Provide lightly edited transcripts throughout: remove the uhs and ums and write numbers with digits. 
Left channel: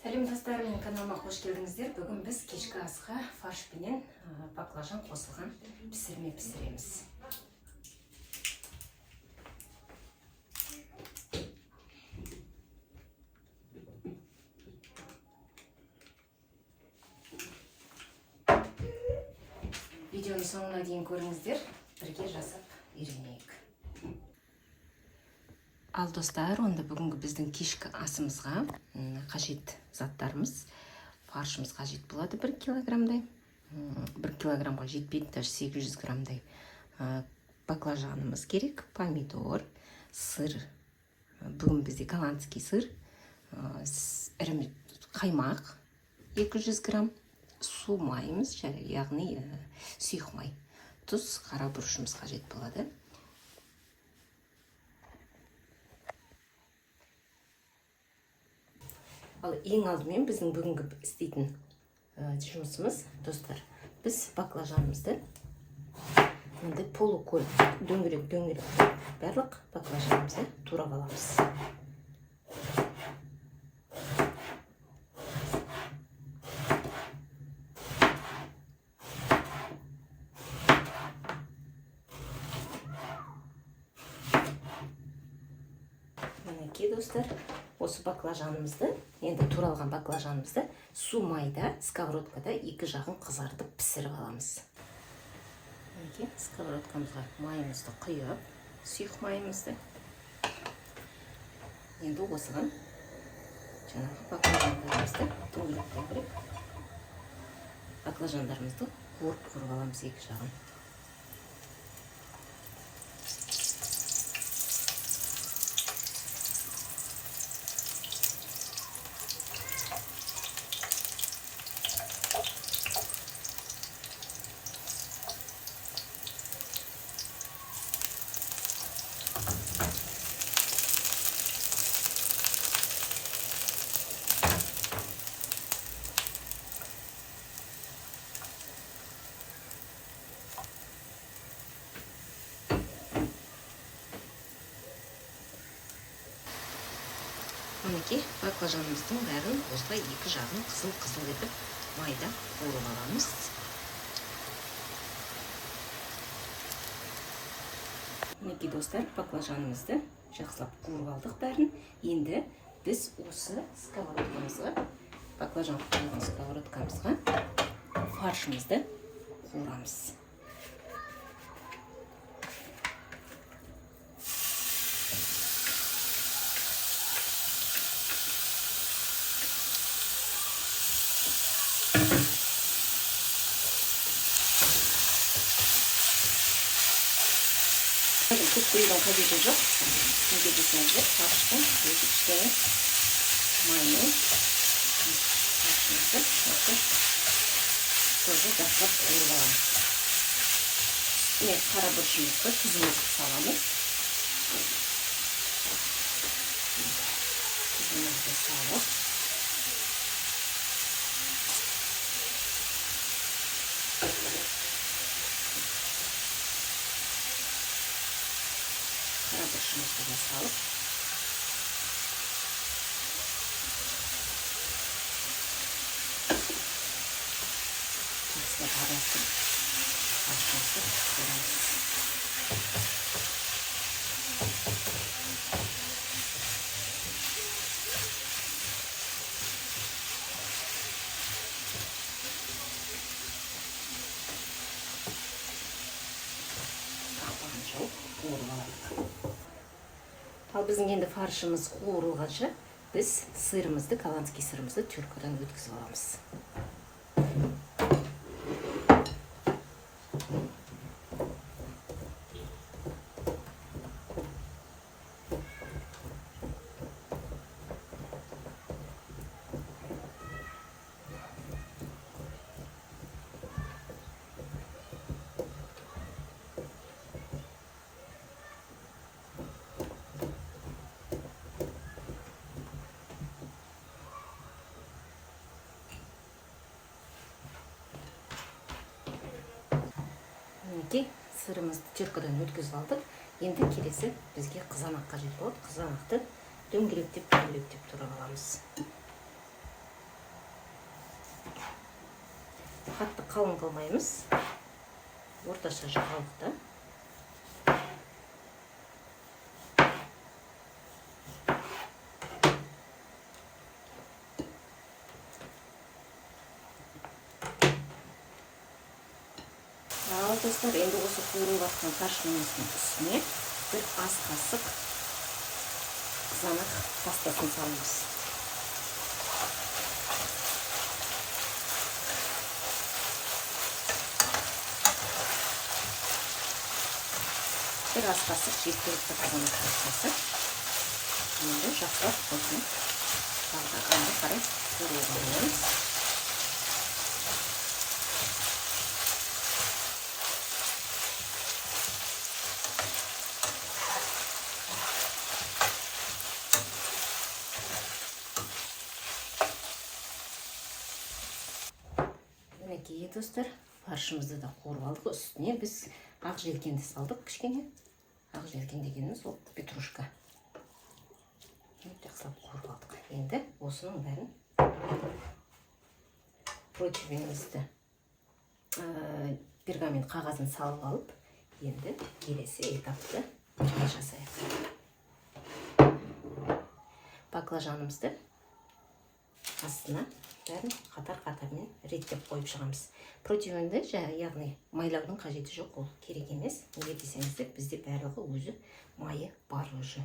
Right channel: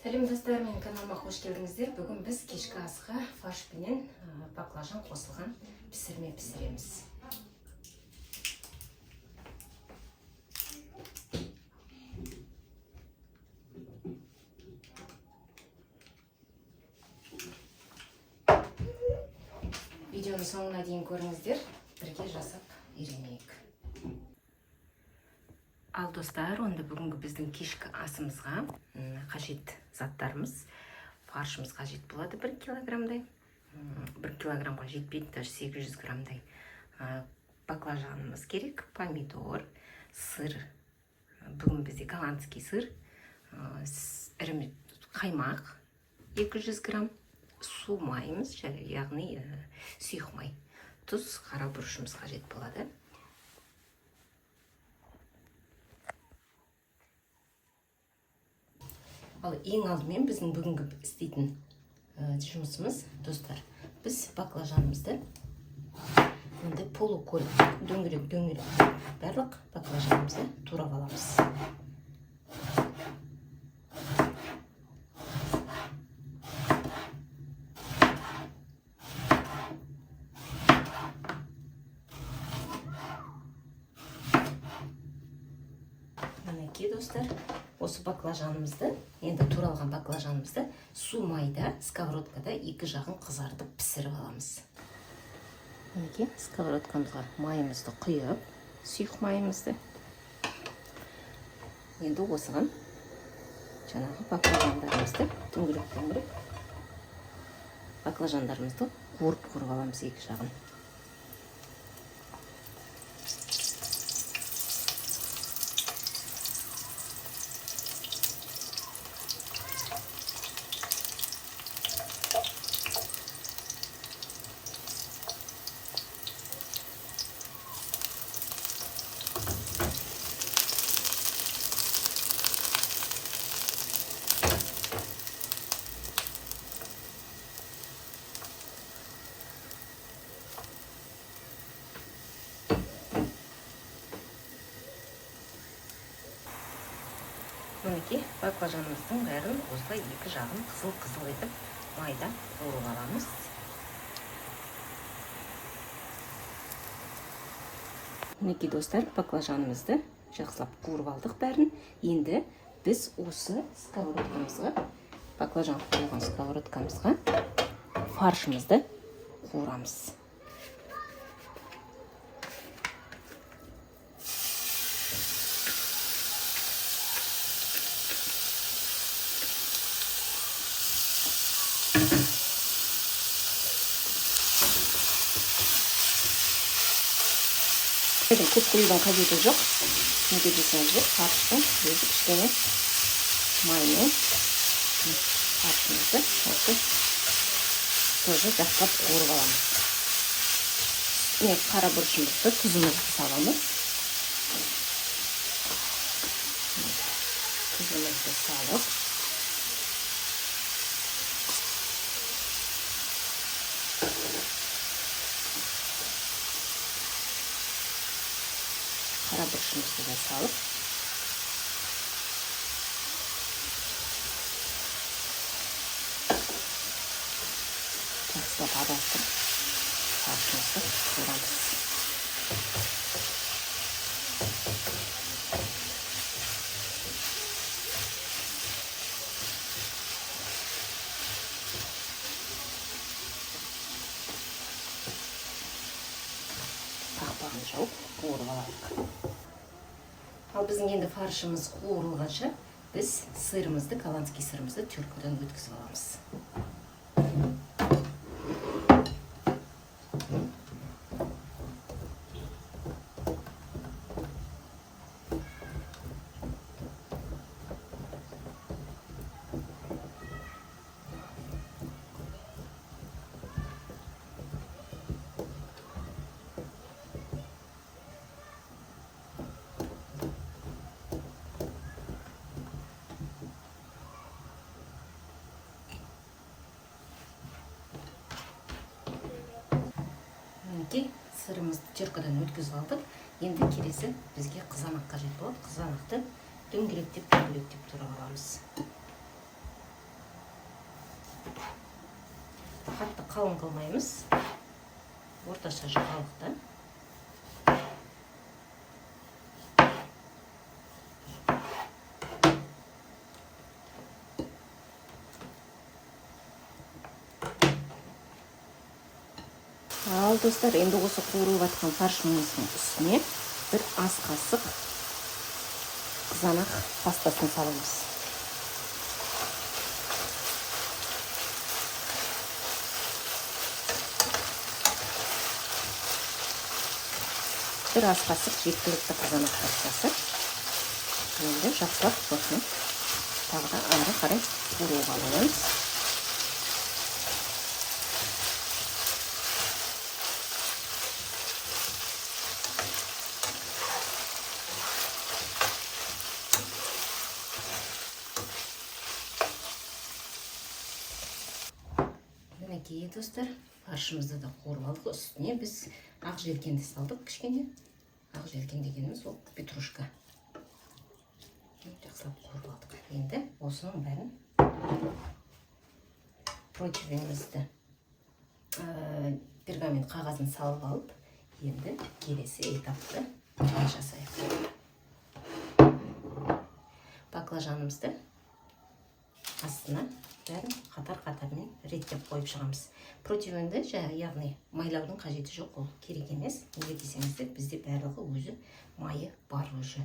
Сәлем достар, менің каналыма қош келдіңіздер. Бүгін біз кешкі асқа фарш пенен баклажан қосылған пісірме пісіреміз. Видеоны соңына дейін көріңіздер, бірге жасап үйренейік. Ал достар, онда бүгінгі біздің кешкі асымызға қажет заттарымыз. Фаршымыз қажет болады 1 килограммдай. 1 килограммға жетпейді, даже 800 граммдай. Баклажанымыз керек, помидор, сыр. Бүгін бізде голландский сыр, қаймақ 200 грамм, су майымыз, яғни сұйық май, тұз, қара бұрышымыз қажет болады. Ал ең алдымен біздің бүгінгі істейтін жұмысымыз, достар, біз баклажанымызды полукөл дөңгелек барлық баклажанымызды турап аламыз. Мінекей достар, осы баклажанымызды, енді туралған баклажанымызды су майда, сковородкада екі жағын қызартып пісіріп аламыз. Мінекей сковородкамызға майымызды құйып, сұйық майымызды. Енді осыған жаңағы баклажандарымызды дөңгелек баклажандарымызды қуырып аламыз екі жағын. Мінекей баклажанымыздың бәрін осылай екі жағын қызыл етіп майда қуырып аламыз. Мінекей достар, баклажанымызды жақсылап қуырып алдық бәрін. Енді біз осы сковородкамызға, баклажан қуырған сковородкамызға фаршымызды қуырамыз. Көп қоюдан қажеті жоқ. Неге десеңіздер, фарштың өзі кішкене маймен фаршымызды тоже жақсылап қуырып аламыз. Қара бұрышымызды, тұзымызды саламыз. Тұзымызды салып, қара бұрышымызды да салып, жақсылап араластырып, фаршымызды қуырамыз. Қақпағын жауып, қуырып аламыз. Ал біздің енді фаршымыз қуырылғанша біз сырымызды, голландский сырымызды тюркадан өткізіп аламыз. Сырымызды теркадан өткізіп алдық. Енді келесі бізге қызанақ қажет болады. Қызанақты дөңгелектеп турап аламыз. қатты қалың қылмаймыз. Орташа жұқалықта. Ал достар, енді осы қуырылып жатқан фаршымыздың үстіне бір ас қасық қызанақ пастасын саламыз. Бір ас қасық жеткілікті қызанақ пастасы. Енді жақсылап сосын тағы ары қарай қуырып аламыз. Мінекей достар, фаршымызды да қуырып алдық. Үстіне біз ақ желкенді салдық кішкене. Ақ желкен дегеніміз ол петрушка. Жақсылап қуырып алдық. Енді осының бәрін противнімізді пергамент қағазын салып алып, енді келесі этапты жасайық. Баклажанымызды астына бәрін қатар-қатармен реттеп қойып шығамыз. Противенді яғни майлаудың қажеті жоқ, ол керек емес. Неге десеңіздер, бізде барлығы өзі майы бар уже.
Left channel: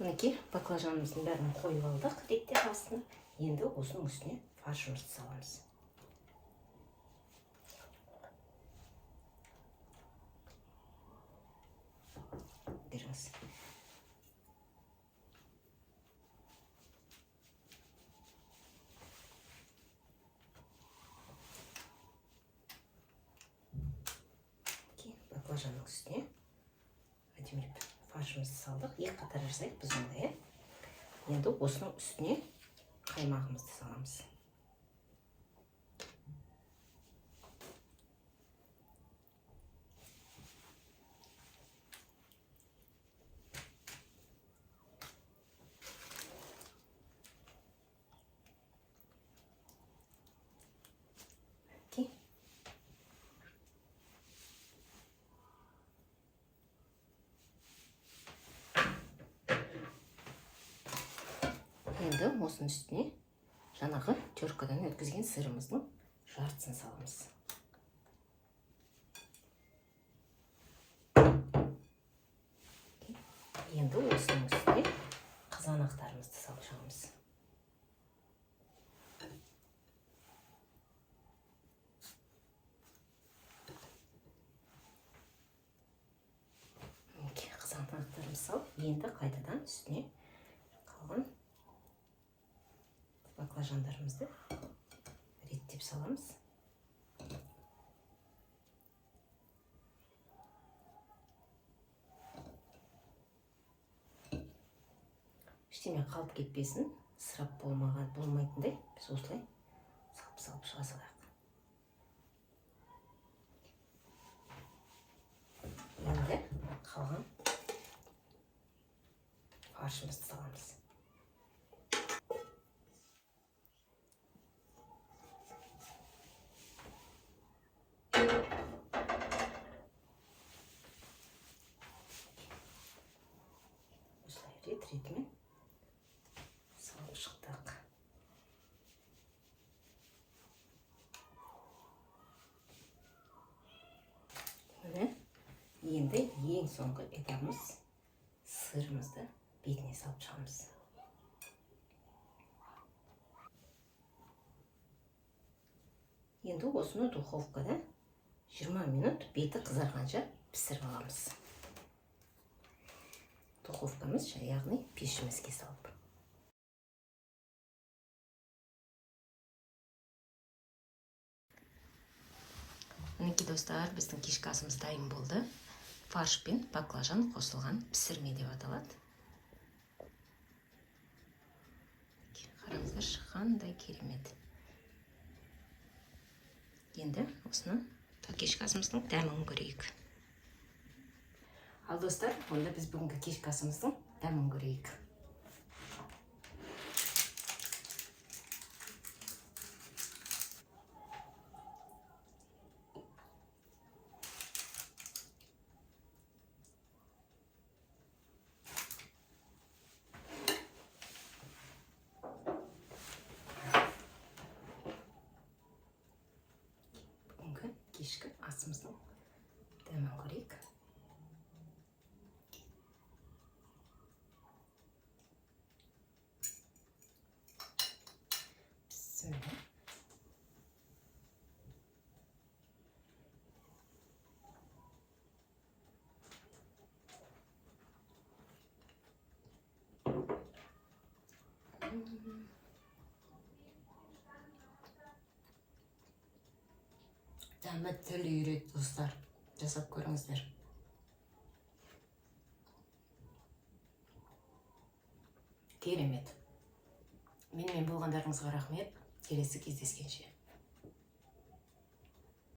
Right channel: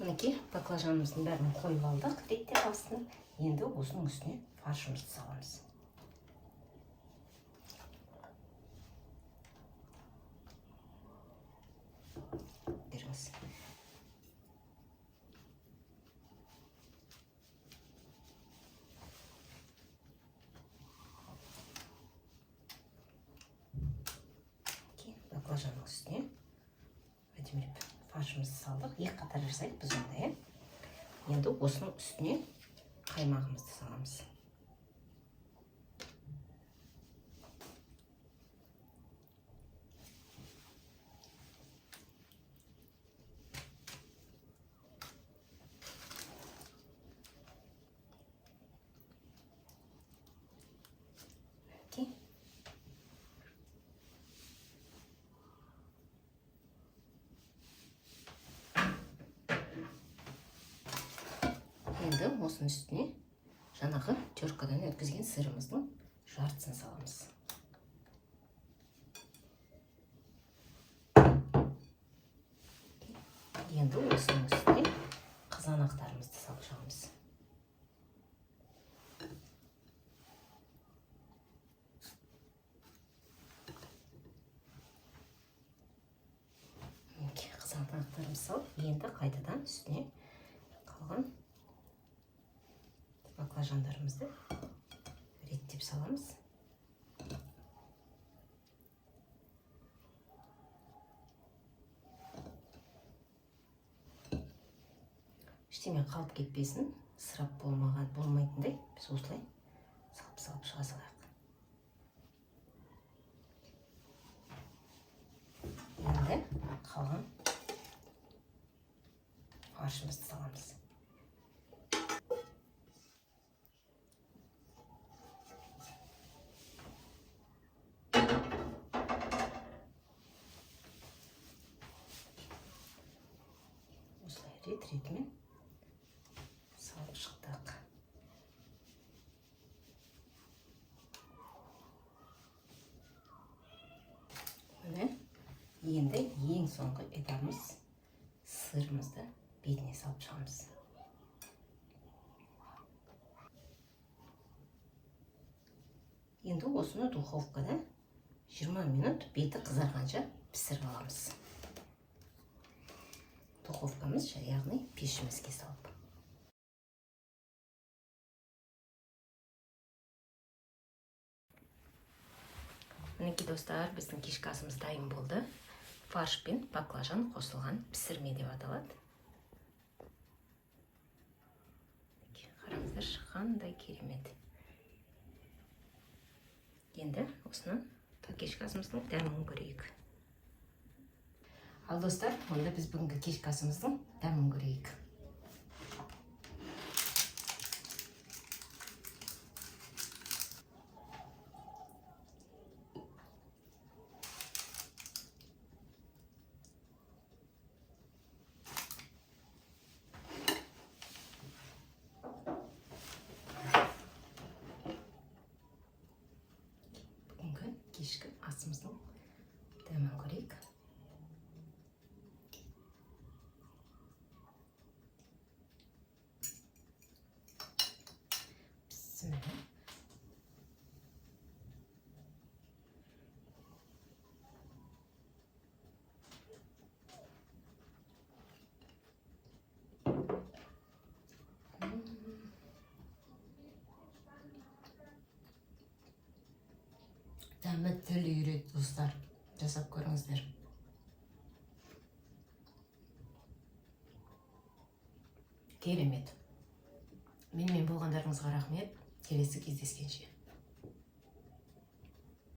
Мінекей баклажанымыздың бәрін қойып алдық реттеп астына. Енді осының үстіне фаршымызды саламыз. Баклажанның үстіне әдемілеп фаршымызды салдық. Екі қатар жасайық біз ондай. Енді осының үстіне қаймағымызды саламыз. Енді осының үстіне жаңағы теркадан өткізген сырымыздың жартысын саламыз. Енді осының үстіне қызанақтарымызды салып шығамыз. Қызанақтарымызды салып, енді қайтадан үстіне қалған баклажандарымызды реттеп саламыз. Ештеңе қалып кетпесін, ысырап болмайтындай біз осылай салып шыға салайық. Енді қалған фаршымызды саламыз. Рет-ретімен салып шықтық. Енді ең соңғы этабымыз сырымызды бетіне салып шығамыз. Енді осыны духовкада 20 минут беті қызарғанша пісіріп аламыз. Духовкамыз, яғни пешімізге салып. Мінекей достар, біздің кешкі асымыз дайын болды. Фарш пен баклажан қосылған пісірме деп аталады. Қараңыздар, қандай керемет. Енді осыны кешкі асымыздың дәмін көрейік. Ал достар, онда біз бүгінгі кешкі асымыздың дәмін көрейік. кешкі асымыздың дәмін көрейік. Бісміллә. Дәмі тіл үйрет, достар. Жасап көріңіздер. Керемет. Менімен болғандарыңызға рахмет. Келесі кездескенше.